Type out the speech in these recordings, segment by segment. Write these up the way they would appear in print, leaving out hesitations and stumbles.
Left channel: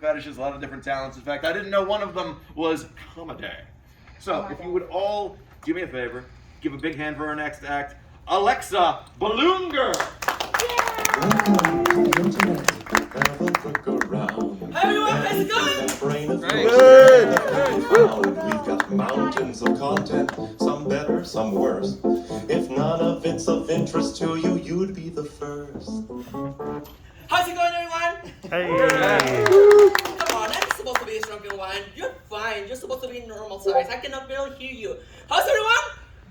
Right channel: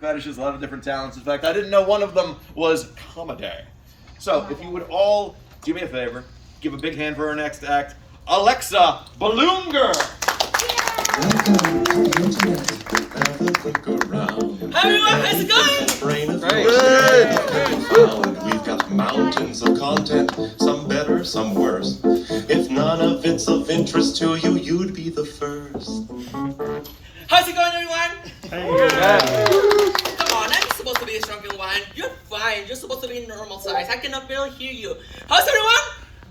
fetishes, a lot of different talents. In fact, I didn't know one of them was comedy. So, if you would all do me a favor, give a big hand for our next act, Alexa, Balloon Girl. Welcome to the internet. Have a look around. Hi everyone, how's it going? Brain of yours can be found. We've got mountains of content, some better, some worse. If none of it's of interest to you, you'd be the first. How's it going, everyone? Hey. Come on, I'm supposed to be a shrunken one. You're fine. You're supposed to be normal size. I cannot barely hear you. How's everyone?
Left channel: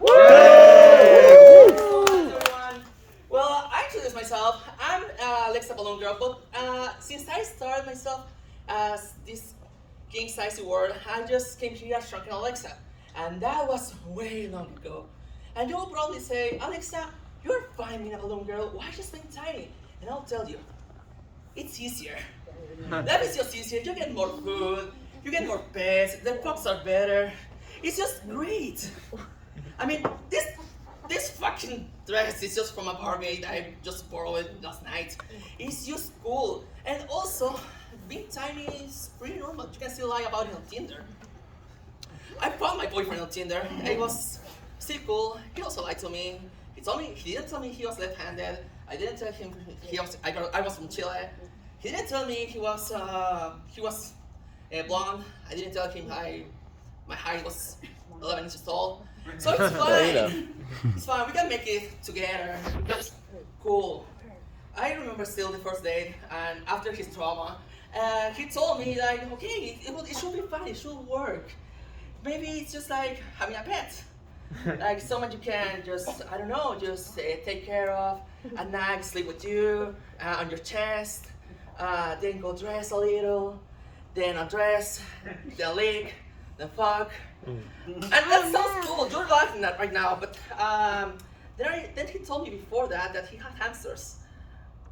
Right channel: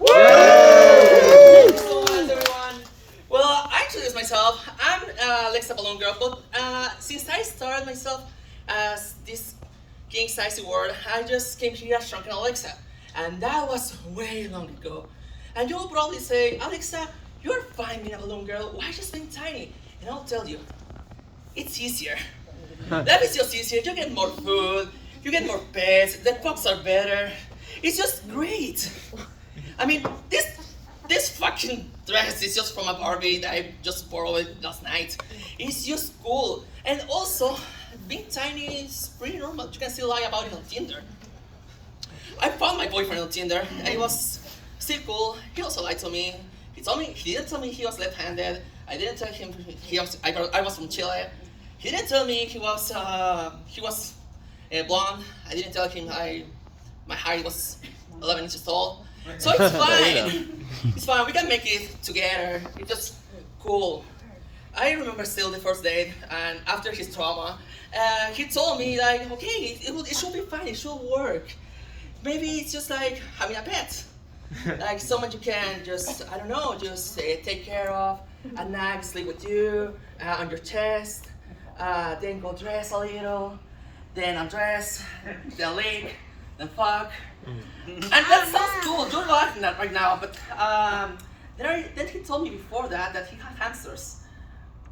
Thank you so much, everyone. Well, I introduced myself. I'm Alexa Balloon Girl, but since I started myself as this king size award, I just came here as Shrunken Alexa, and that was way long ago. And you'll probably say, Alexa, you're fine being a balloon girl. Why just being tiny? And I'll tell you, it's easier. Life is just easier. You get more food, you get more pets, the pups are better. It's just great. I mean, this fucking dress is just from a Barbie that I just borrowed last night. It's just cool. And also, being tiny is pretty normal. You can still lie about it on Tinder. I found my boyfriend on Tinder. It was still cool. He also lied to me. He didn't tell me he was left-handed. I didn't tell him I was from Chile. He didn't tell me he was blonde. I didn't tell him my height was 11 inches tall. So it's fine. It's fine. We can make it together. It's just cool. I remember still the first date, and after his trauma, he told me like, okay, it should be fine. It should work. Maybe it's just like having a pet, like someone you can just take care of. At night, sleep with you on your chest, then go dress a little, then undress, then lick, then fuck. And that sounds cool. You're laughing at right now, but then he told me before that he had hamsters.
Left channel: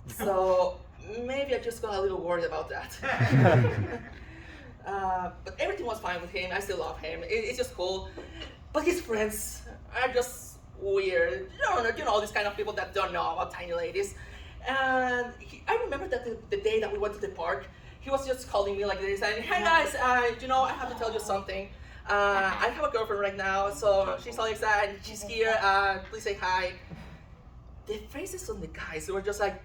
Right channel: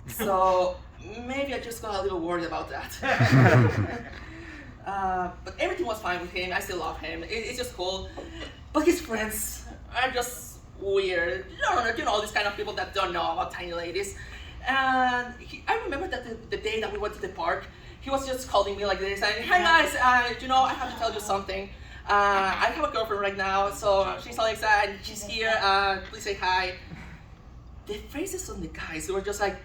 So maybe I just got a little worried about that. But everything was fine with him. I still love him. It's just cool. But his friends are just weird. You know, these kind of people that don't know about tiny ladies. And I remember that the day that we went to the park, he was just calling me like this, and hey guys, I have to tell you something. I have a girlfriend right now, so she's Alexa, and she's here. Please say hi. The faces on the guys were just like.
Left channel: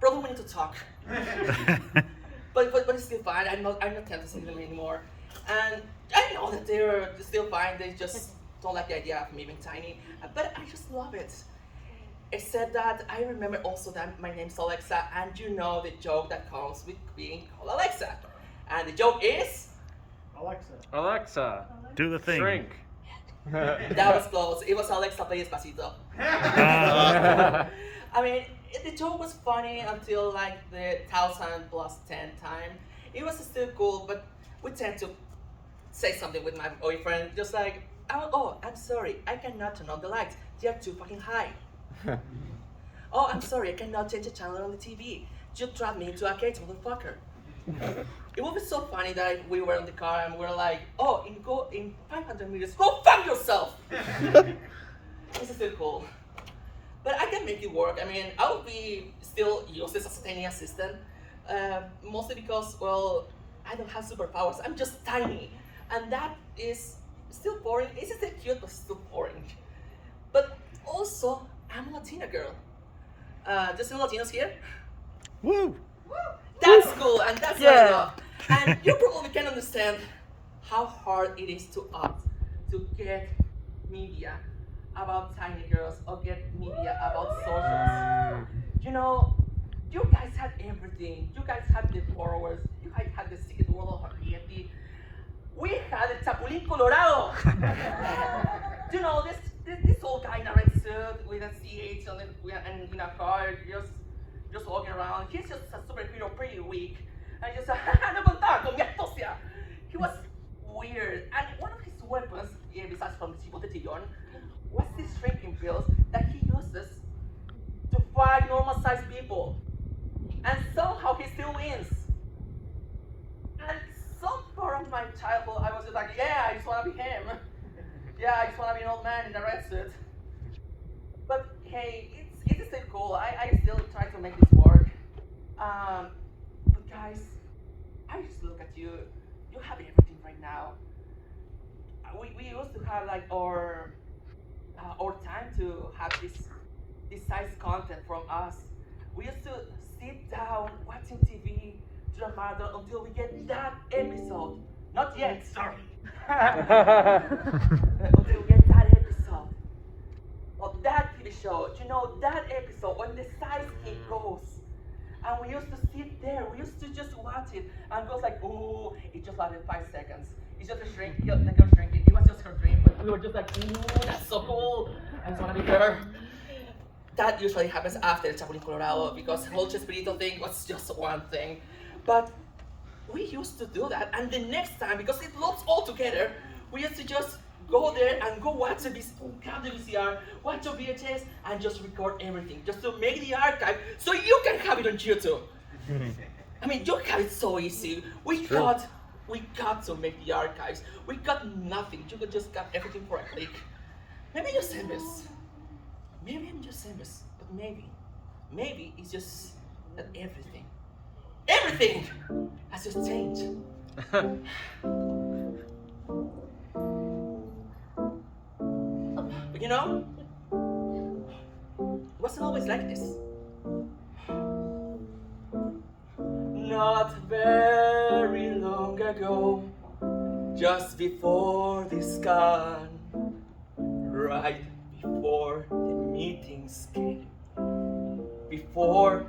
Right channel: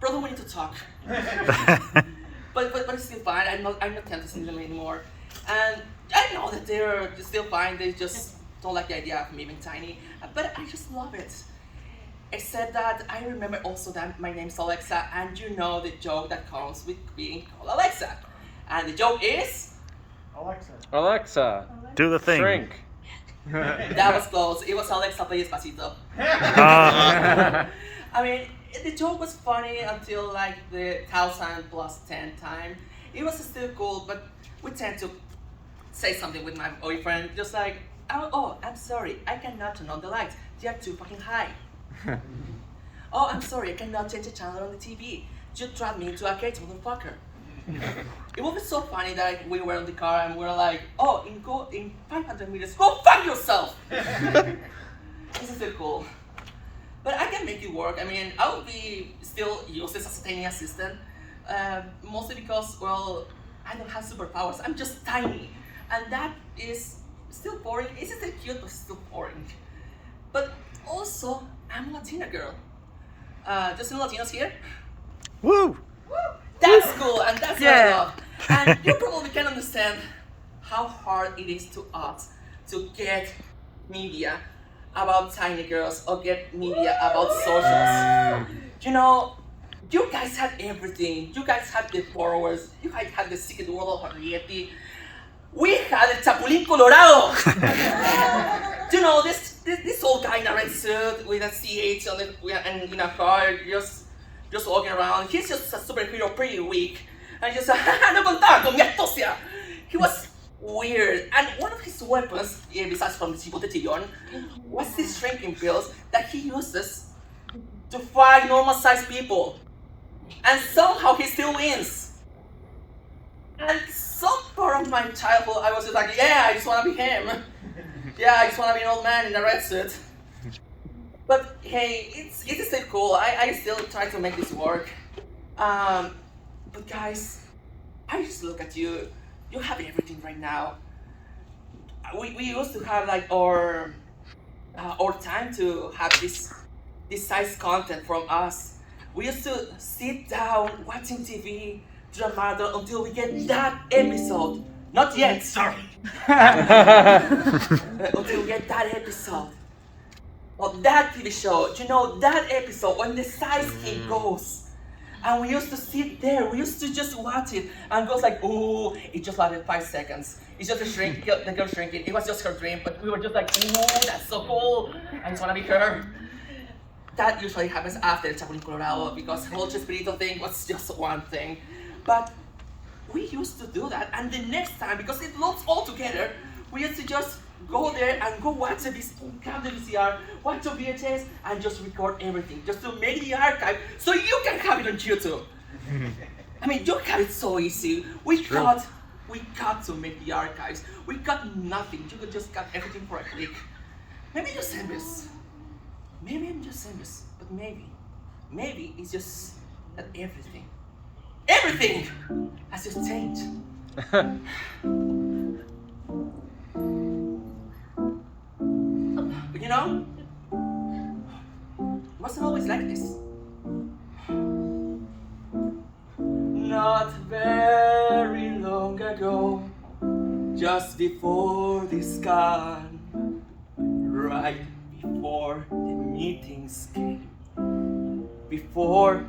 Brother, we need to talk. but it's still fine. I'm not tempted to see them anymore. And I know that they're still fine. They just don't like the idea of me being tiny. But I just love it. Except that I remember also that my name's Alexa, and you know the joke that comes with being called Alexa. And the joke is Alexa. Do the thing. Shrink. that was close. It was Alexa play Despacito. I mean, the joke was funny until like the 1,000 plus 10 time. It was still cool, but we tend to say something with my boyfriend, just like, oh, I'm sorry, I cannot turn on the lights. They are too fucking high. Oh, I'm sorry, I cannot change the channel on the TV. You trapped me into a cage, motherfucker. It would be so funny that we were in the car and we were like, oh, in 500 meters, go fuck yourself! This is still cool. But I can make it work. I mean, I would be still useless as a tiny assistant. Mostly because, well, I don't have superpowers. I'm just tiny. And that is still boring. It's still cute, but still boring. But also, I'm a Latina girl. Just some Latinos here? Woo! Woo! That's cool, and that's what I love. And you probably can understand how hard it is to us to get media about tiny girls or get media about socials. You know, you guys had everything. You guys had the borrowers. You guys had the secret world of Henriette. We had the Chapulín Colorado. You know, this old guy in a red suit with a CH on it and in a car, just walking around. He's just a superhero, pretty weak. And just, no contaba con mi astucia. He was weird. And one of his weapons, besides from the Chipotillon, was these shrinking pills that he uses to fight normal-sized people. And somehow he still wins. And some part of my childhood, I was just like, yeah, I just want to be him. Yeah, I just want to be an old man in a red suit. But hey, it's still cool. I still try to make this work. But guys, I just look at you. You have everything right now. We used to have like our time to have this size content from us. We used to sit down watching TV, drama until we get that episode. Not yet, sorry. Until we get that episode. Or that TV show, you know, that episode when the size king goes. And we used to sit there, we used to just watch it and goes like, ooh, it just lasted 5 seconds. It's just the girl shrinking. It was just her dream, but we were just like, ooh, that's so cool. I just wanna be her. That usually happens after El Chapulín Colorado because the whole Chespirito thing was just one thing. But we used to do that, and the next time, because it looks all together, we used to just go there and go watch grab the VCR, watch the VHS, and just record everything, just to make the archive so you can have it on YouTube. I mean, you have it so easy. We got to make the archives. We got nothing. You could just got everything for a click. Maybe I'm just envious. Maybe I'm just envious, but maybe it's just that everything has just changed. But you know, it wasn't always like this. Not very long ago, just before this con, right before the meetings came, before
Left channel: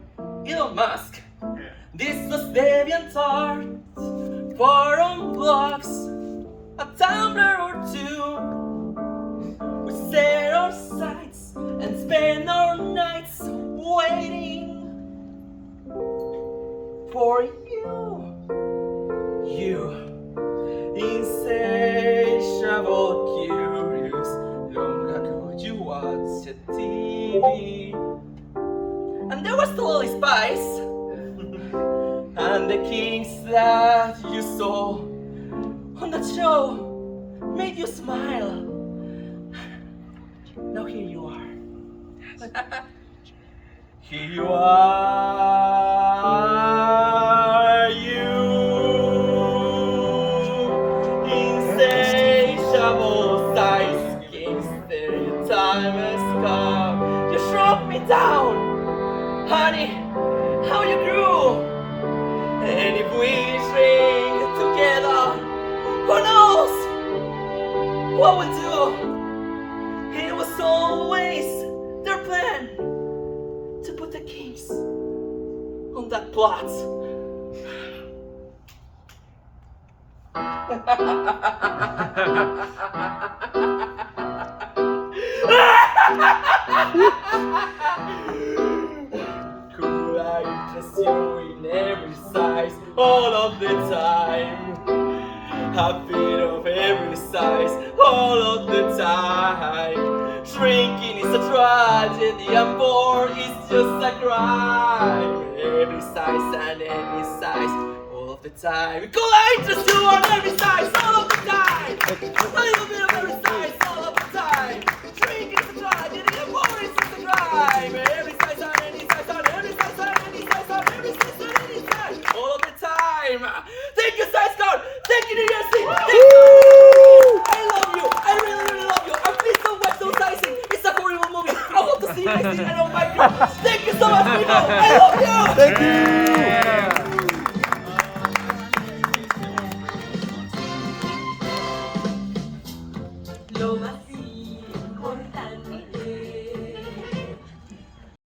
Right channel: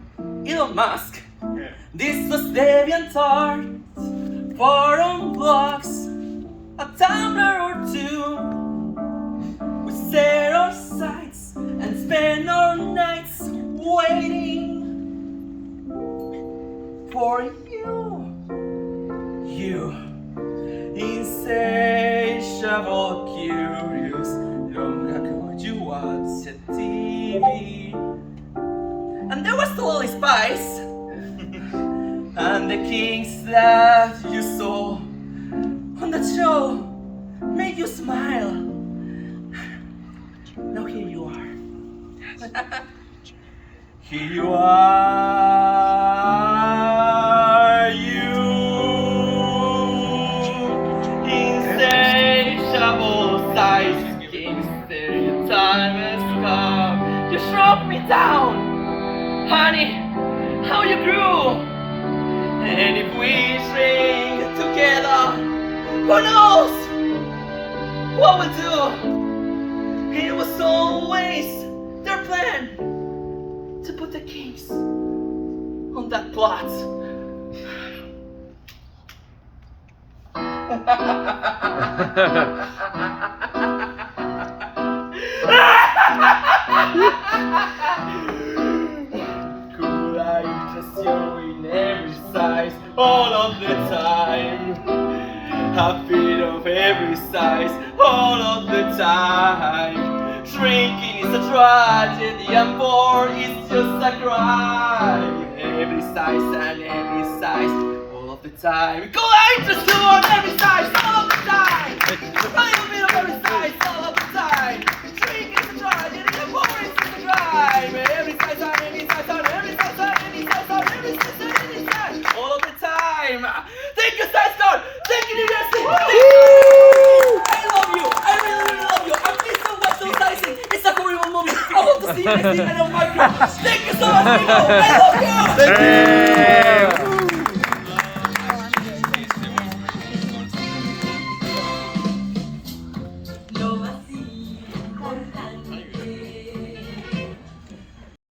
Elon Musk, this was DeviantArt, forum blogs, a Tumblr or two. We set our sights and spend our nights waiting for you, insatiable, curious. Long ago you watched TV, and there was totally spice, and the kings that you saw on that show made you smile. Now here you are. Here you are, you insatiable size kings. Your time has come. You shrunk me down, honey. How you grew. And if we shrink together, who knows what we'll do? It was always their plan to put the kings on that plot. Could I interest you in every size all of the time? A bit of every size all of the time. Shrinking is a tragedy and born is just a crime. Every size and every size all of the time. Could I interest you on every size all of the time? A little bit of every size all of the time. Shrinking is a tragedy and born is just a crime. Every size on any size on every size on any size on every size on any size all of the time. Thank you, SizeCon. Thank you, New Year's Eve. I love you. I really love you. And please don't watch those sizing. It's a horrible movie. I want to see you next week. I love Michael. Thank you so much, people. I love you. Thank you.